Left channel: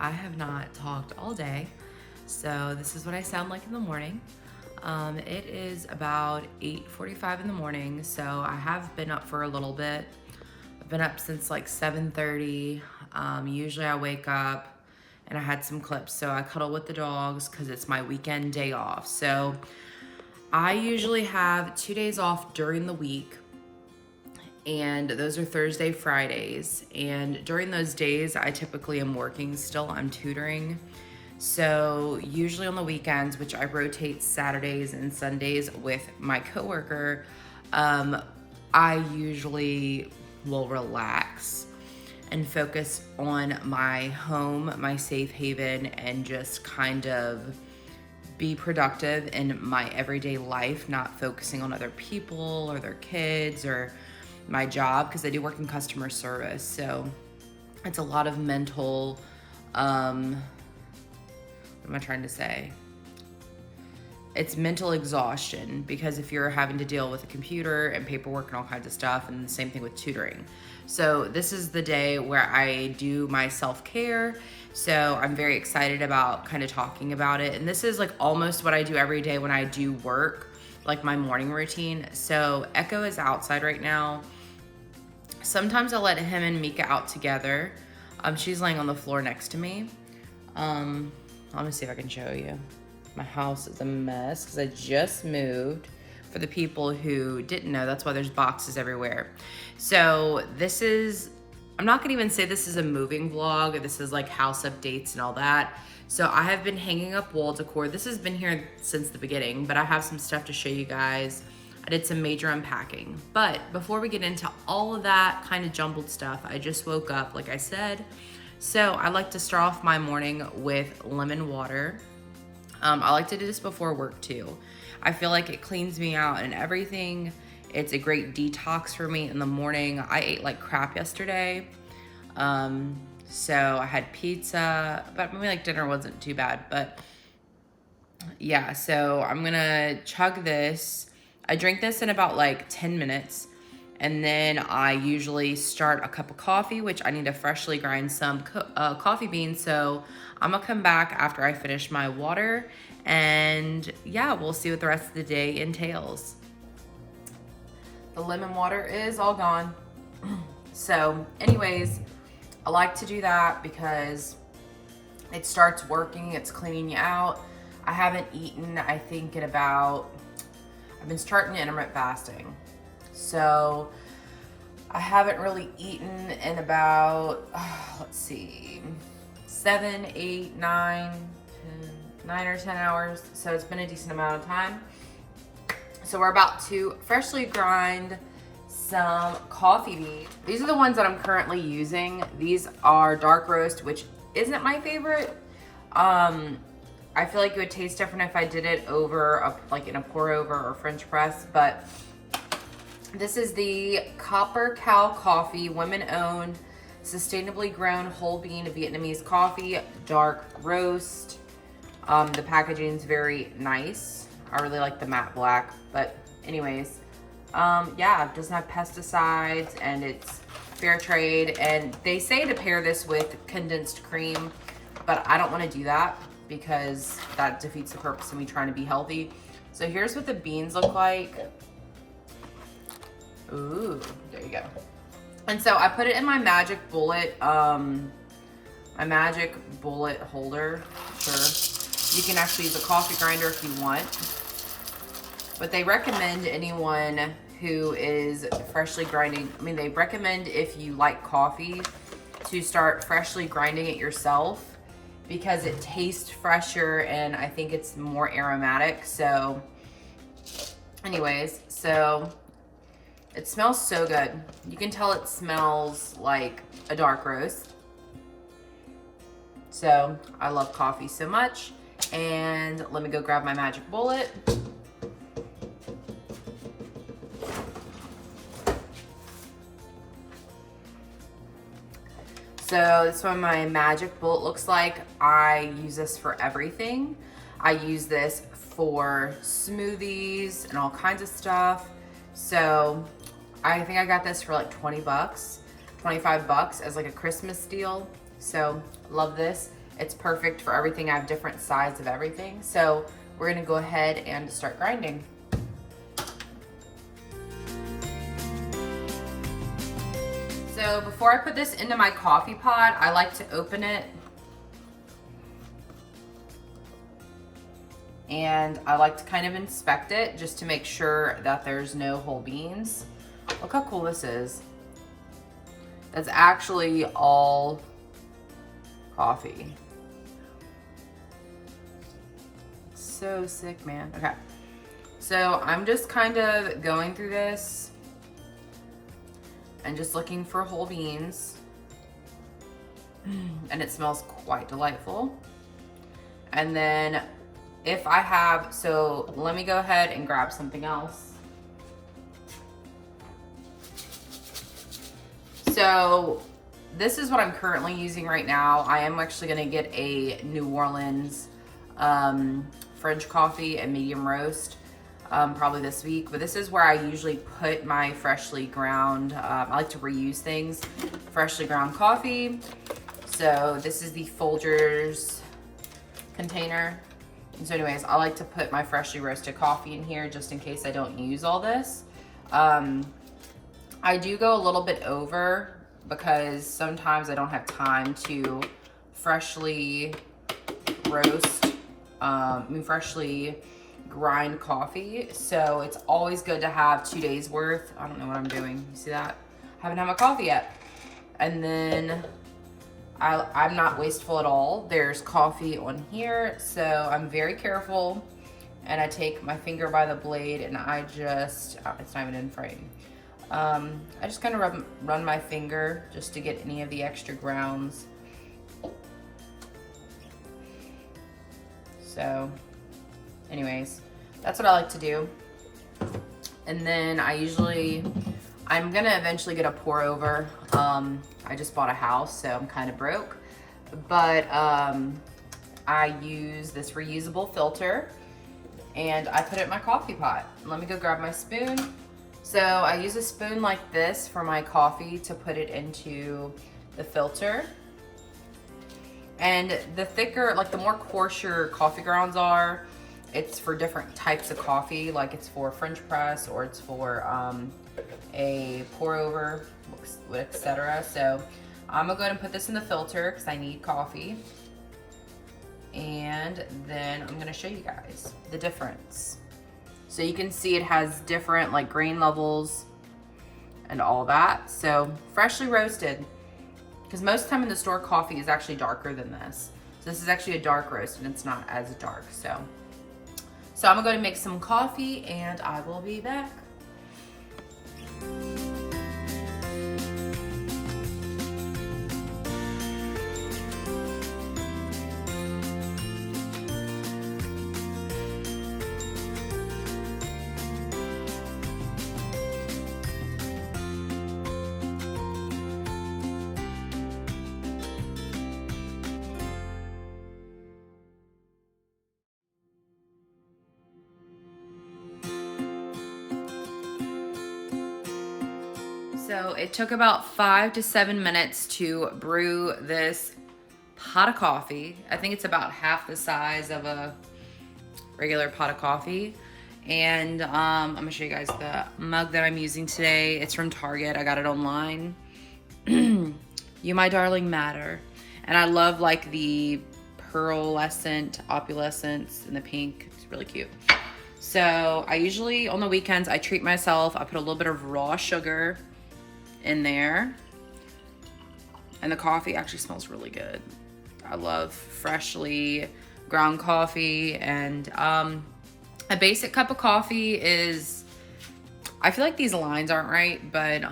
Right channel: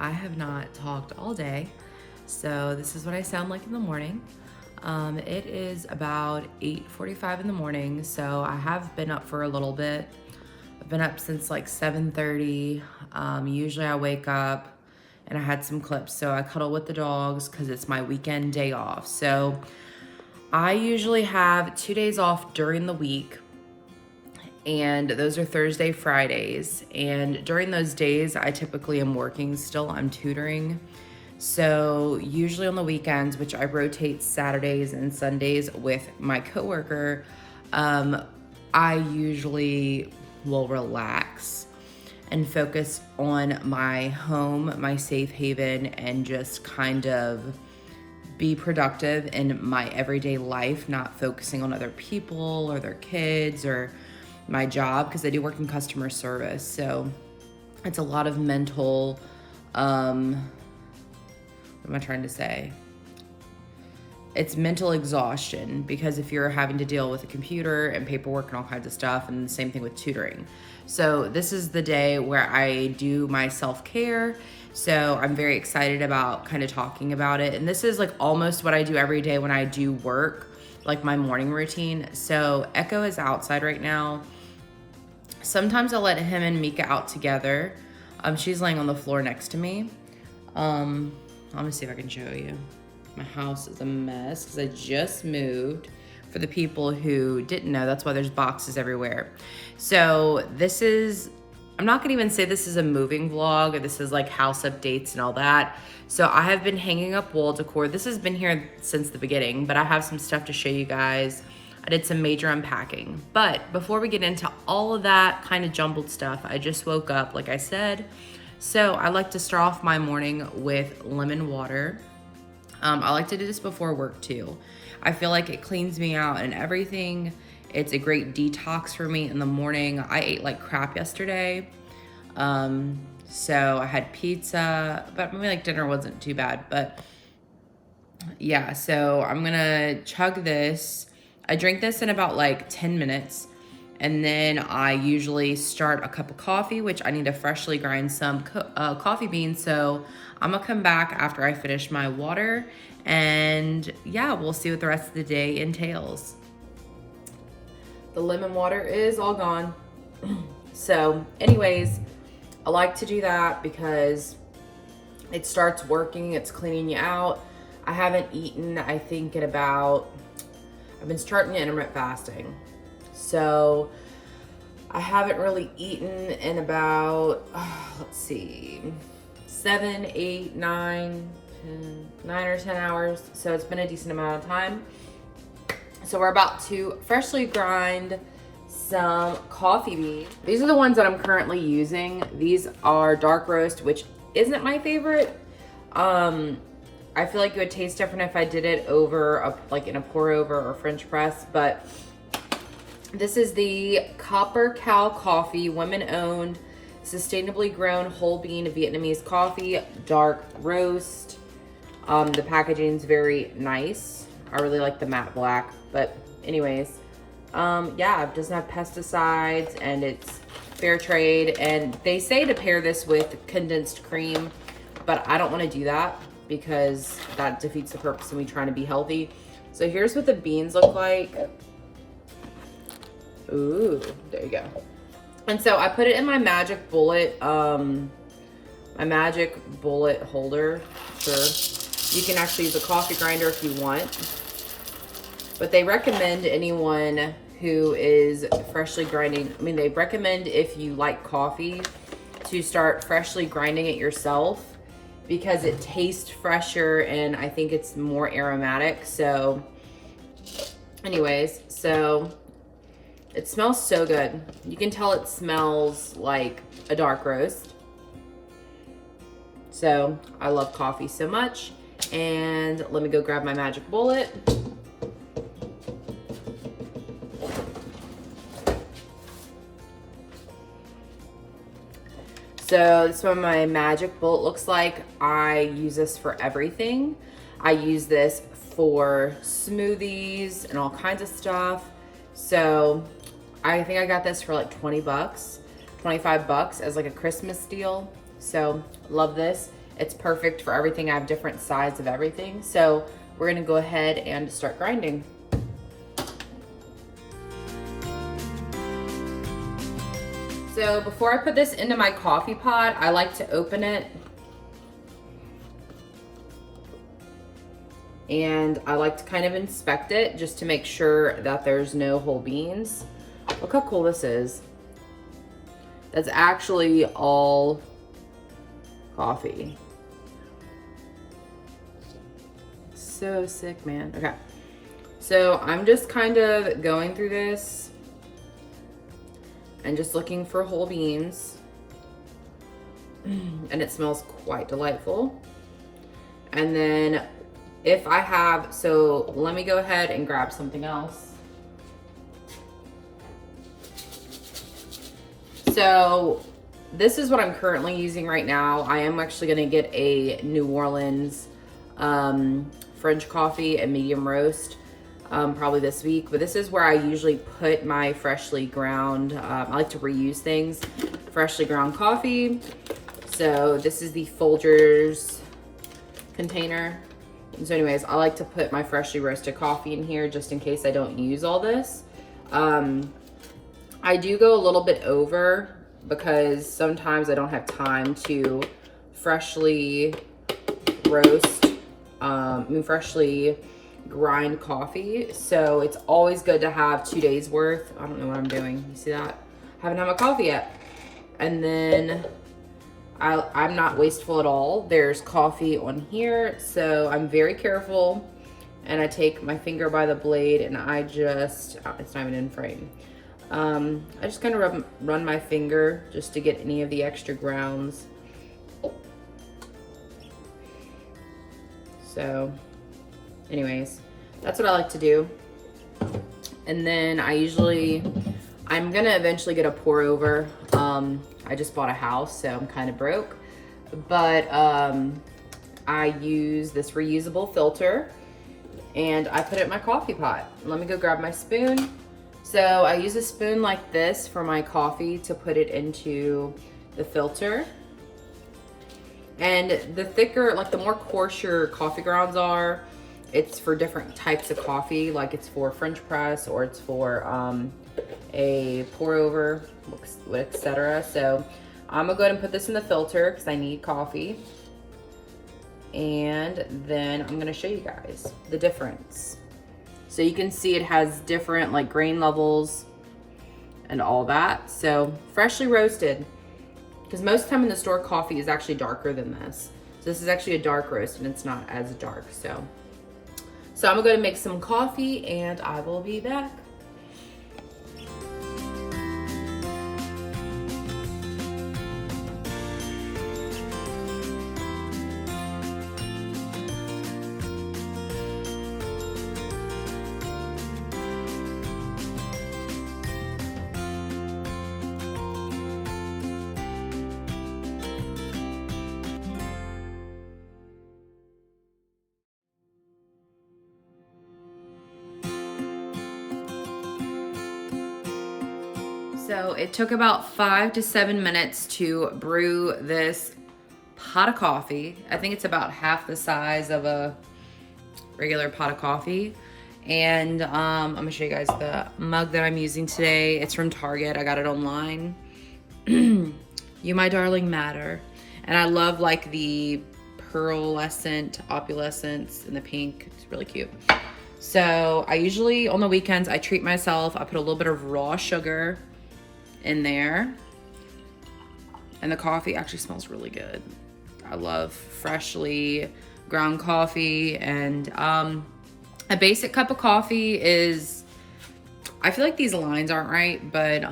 I have not talked all day, so this is what I sound like in the morning. It is about 8:45 in the morning, so I have been up for a little bit. I've been up since like 7:30. Usually I wake up and I had some clips, so I cuddle with the dogs because it's my weekend day off. So I usually have 2 days off during the week, and those are Thursday, Fridays. And during those days, I typically am working still. I'm tutoring. So usually on the weekends, which I rotate Saturdays and Sundays with my coworker, I usually will relax and focus on my home, my safe haven, and just kind of be productive in my everyday life, not focusing on other people or their kids or my job, because I do work in customer service. So it's a lot of mental, what am I trying to say? It's mental exhaustion, because if you're having to deal with a computer and paperwork and all kinds of stuff, and the same thing with tutoring. So this is the day where I do my self-care. So I'm very excited about kind of talking about it. And this is like almost what I do every day when I do work, like my morning routine. So Echo is outside right now. Sometimes I'll let him and Mika out together. She's laying on the floor next to me. Let me see if I can show you. My house is a mess because I just moved. For the people who didn't know, that's why there's boxes everywhere. So this is, I'm not gonna even say this is a moving vlog. This is like house updates and all that. So I have been hanging up wall decor. This has been here since the beginning, but I have some stuff to show you guys. I did some major unpacking. But before we get into all of that kind of jumbled stuff, I just woke up, like I said. So I like to start off my morning with lemon water. I like to do this before work too. I feel like it cleans me out and everything. It's a great detox for me in the morning. I ate like crap yesterday. So I had pizza, but maybe like dinner wasn't too bad. But yeah, so I'm gonna chug this. I drink this in about like 10 minutes. And then I usually start a cup of coffee, which I need to freshly grind some coffee beans. So I'm gonna come back after I finish my water, and yeah, we'll see what the rest of the day entails. The lemon water is all gone. So anyways, I like to do that because it starts working, it's cleaning you out. I haven't eaten, I think in about, I've been starting intermittent fasting. So I haven't really eaten in about, let's see, 7, 8, 9 or 10 hours. So it's been a decent amount of time. So we're about to freshly grind some coffee beans. These are the ones that I'm currently using. These are dark roast, which isn't my favorite. I feel like it would taste different if I did it over, like in a pour over or French press, but this is the Copper Cow Coffee, women owned, sustainably grown whole bean Vietnamese coffee, dark roast. The packaging is very nice. I really like the matte black, but anyways, yeah, it doesn't have pesticides, and it's fair trade, and they say to pair this with condensed cream, but I don't want to do that because that defeats the purpose of me trying to be healthy. So here's what the beans look like. Ooh, there you go. And so I put it in my Magic Bullet, holder. Sure, you can actually use a coffee grinder if you want, but they recommend anyone who is freshly grinding. I mean, they recommend if you like coffee to start freshly grinding it yourself because it tastes fresher and I think it's more aromatic. So anyways, so it smells so good. You can tell it smells like a dark roast. So I love coffee so much. And let me go grab my Magic Bullet. So this is what my Magic Bullet looks like. I use this for everything. I use this for smoothies and all kinds of stuff. So I think I got this for like 20 bucks, 25 bucks as like a Christmas deal. So love this. It's perfect for everything. I have different sides of everything. So we're gonna go ahead and start grinding. So before I put this into my coffee pot, I like to open it. And I like to kind of inspect it just to make sure that there's no whole beans. Look how cool this is. That's actually all coffee. So sick, man. Okay. So I'm just kind of going through this and just looking for whole beans. And it smells quite delightful. And then if I have, so let me go ahead and grab something else. So this is what I'm currently using right now. I am actually gonna get a New Orleans French coffee, a medium roast, probably this week. But this is where I usually put my freshly ground, I like to reuse things, freshly ground coffee. So this is the Folgers container. And so anyways, I like to put my freshly roasted coffee in here just in case I don't use all this. I do go a little bit over because sometimes I don't have time to freshly roast, freshly grind coffee. So it's always good to have 2 days worth. I don't know what I'm doing. You see that? I haven't had my coffee yet. And then I'm not wasteful at all. There's coffee on here, so I'm very careful. And I take my finger by the blade and I just, it's not even in frame. I just kind of run my finger just to get any of the extra grounds. So anyways, that's what I like to do. And then I'm gonna eventually get a pour over. I just bought a house, so I'm kind of broke. But I use this reusable filter and I put it in my coffee pot. Let me go grab my spoon. So I use a spoon like this for my coffee to put it into the filter. And the thicker, like the more coarse your coffee grounds are, it's for different types of coffee. Like it's for French press or it's for a pour over, etc. So I'm gonna go ahead and put this in the filter because I need coffee. And then I'm gonna show you guys the difference. So you can see it has different like grain levels and all that. So freshly roasted, because most of the time in the store coffee is actually darker than this. So this is actually a dark roast and it's not as dark. So I'm gonna go and make some coffee and I will be back. So it took about 5 to 7 minutes to brew this pot of coffee. I think it's about half the size of a regular pot of coffee. And I'm gonna show you guys the mug that I'm using today. It's from Target. I got it online. You, my darling, matter. And I love like the pearlescent, opulescence in the pink. It's really cute. So I usually, on the weekends, I treat myself. I put a little bit of raw sugar in there. And the coffee actually smells really good. I love freshly ground coffee. And a basic cup of coffee is, I feel like these lines aren't right, but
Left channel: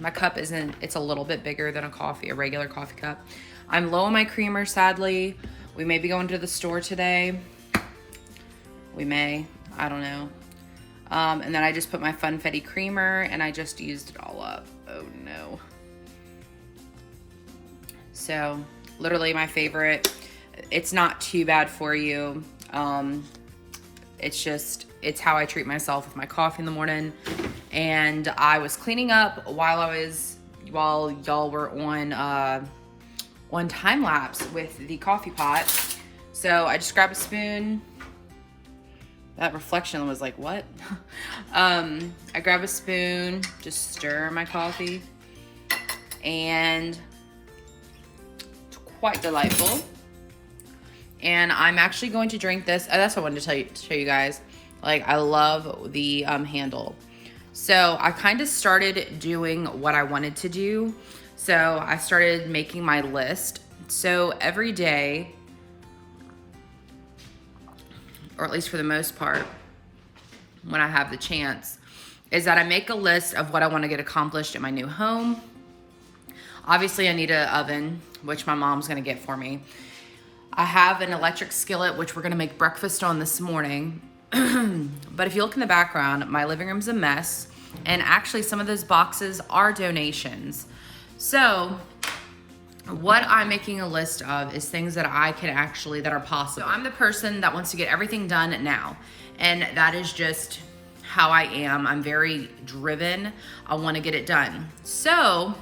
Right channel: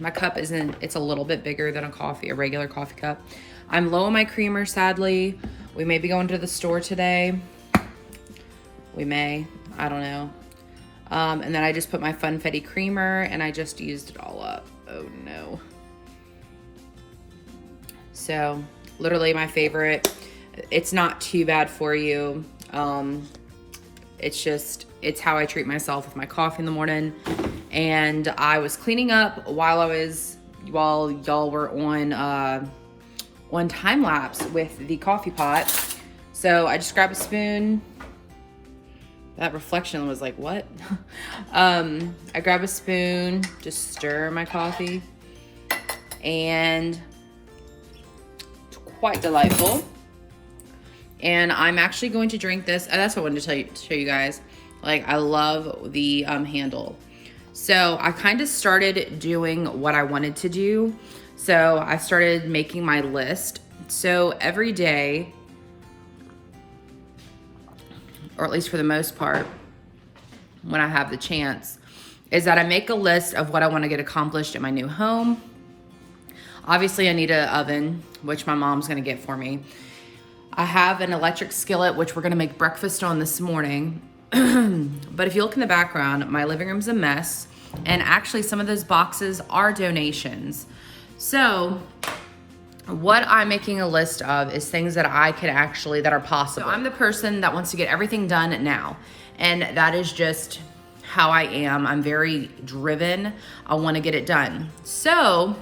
my cup isn't, it's a little bit bigger than a regular coffee cup. I'm low on my creamer, sadly. We may be going to the store today. We may, I don't know. And then I just put my Funfetti creamer and I just used it all up. Oh no. So literally my favorite. It's not too bad for you. It's how I treat myself with my coffee in the morning. And I was cleaning up while y'all were on time lapse with the coffee pot. So I just grabbed a spoon. That reflection was like, what? I grab a spoon, just stir my coffee, and it's quite delightful. And I'm actually going to drink this. That's what I wanted to show you guys. Like, I love the handle. So I kind of started doing what I wanted to do. So I started making my list. So every day, or at least for the most part, when I have the chance, is that I make a list of what I want to get accomplished in my new home. Obviously, I need an oven, which my mom's going to get for me. I have an electric skillet, which we're going to make breakfast on this morning. But if you look in the background, my living room's a mess. And actually, some of those boxes are donations. So what I'm making a list of is things that I can actually, that are possible. So I'm the person that wants to get everything done now. And that is just how I am. I'm very driven. I want to get it done. So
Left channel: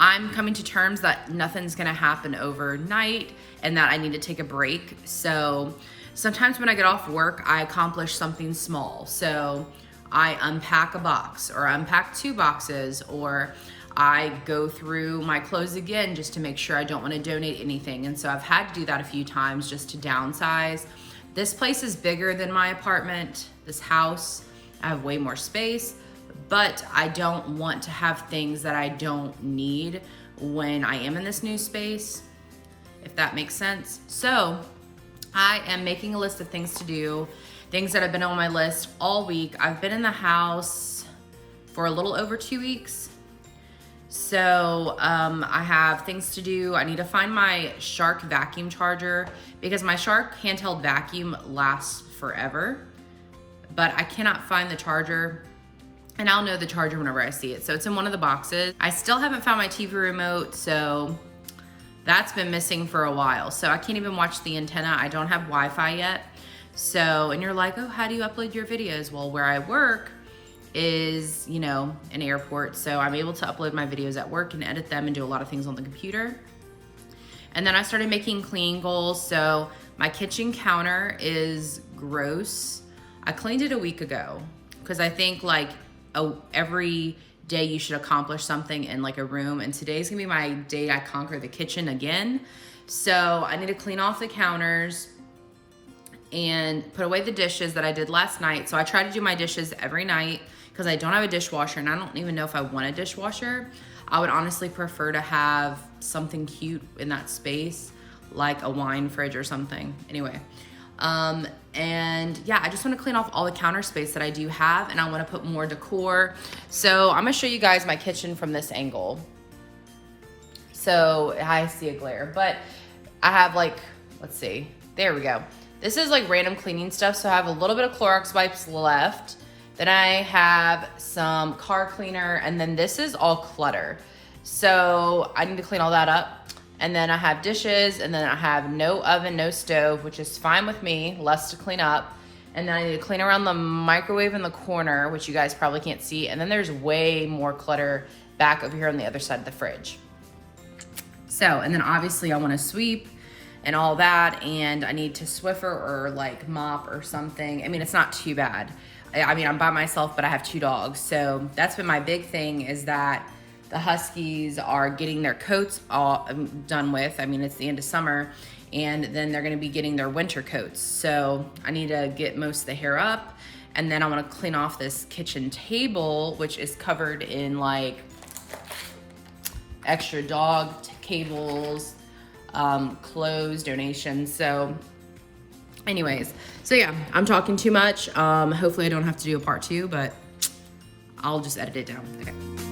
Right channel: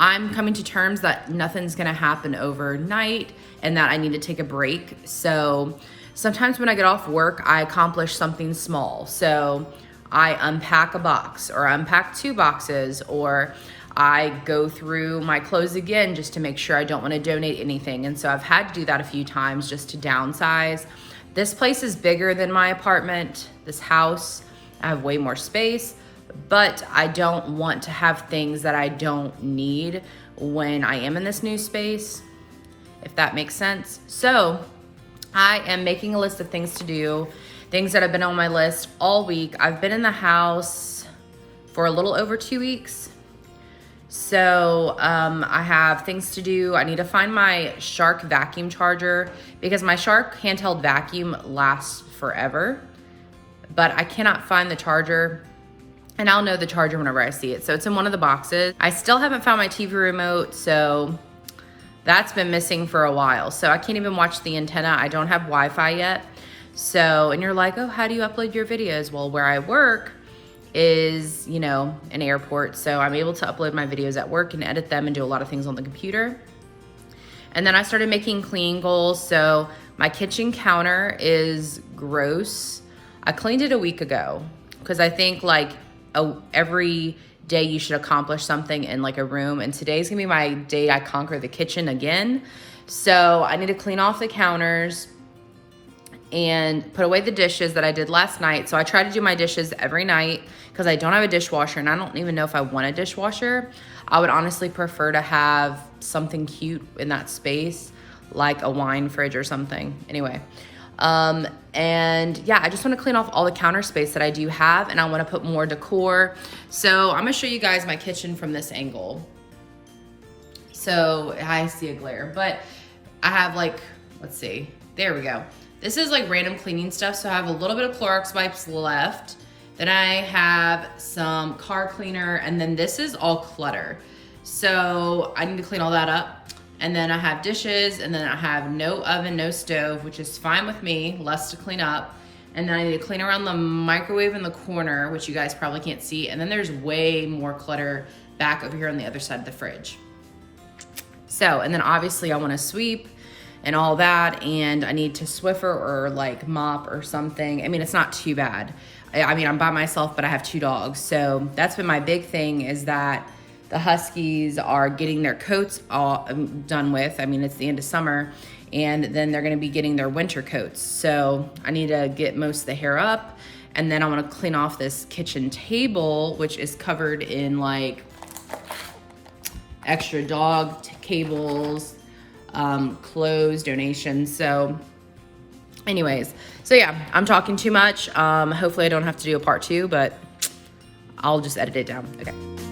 I'm coming to terms that nothing's going to happen overnight and that I need to take a break. So sometimes when I get off work, I accomplish something small. So I unpack a box or unpack 2 boxes, or I go through my clothes again just to make sure I don't want to donate anything. And so I've had to do that a few times just to downsize. This place is bigger than my apartment, this house. I have way more space, but I don't want to have things that I don't need when I am in this new space, if that makes sense. So I am making a list of things to do, things that have been on my list all week. I've been in the house for a little over 2 weeks. So I have things to do. I need to find my Shark vacuum charger because my Shark handheld vacuum lasts forever, but I cannot find the charger, and I'll know the charger whenever I see it. So it's in one of the boxes. I still haven't found my TV remote, so that's been missing for a while. So I can't even watch the antenna. I don't have Wi-Fi yet. So, and you're like, oh, how do you upload your videos? Well, where I work is, you know, an airport. So I'm able to upload my videos at work and edit them and do a lot of things on the computer. And then I started making clean goals. So my kitchen counter is gross. I cleaned it a week ago because I think like every day you should accomplish something in like a room. And today's gonna be my day I conquer the kitchen again. So I need to clean off the counters and put away the dishes that I did last night. So I try to do my dishes every night because I don't have a dishwasher, and I don't even know if I want a dishwasher. I would honestly prefer to have something cute in that space, like a wine fridge or something. Anyway, and yeah, I just want to clean off all the counter space that I do have, and I want to put more decor. So I'm gonna show you guys my kitchen from this angle. So I see a glare, but I have like, let's see, there we go. This is like random cleaning stuff. So I have a little bit of Clorox wipes left. Then I have some car cleaner, and then this is all clutter. So I need to clean all that up. And then I have dishes, and then I have no oven, no stove, which is fine with me, less to clean up. And then I need to clean around the microwave in the corner, which you guys probably can't see. And then there's way more clutter back over here on the other side of the fridge. So, and then obviously I wanna sweep and all that, and I need to Swiffer or like mop or something. I mean, it's not too bad. I mean, I'm by myself, but I have 2 dogs. So that's been my big thing, is that the huskies are getting their coats all done with. I mean, it's the end of summer, and then they're gonna be getting their winter coats. So I need to get most of the hair up, and then I wanna clean off this kitchen table, which is covered in like extra dog cables, clothes, donations. So anyways, so yeah, I'm talking too much. Hopefully I don't have to do a part 2, but I'll just edit it down. Okay.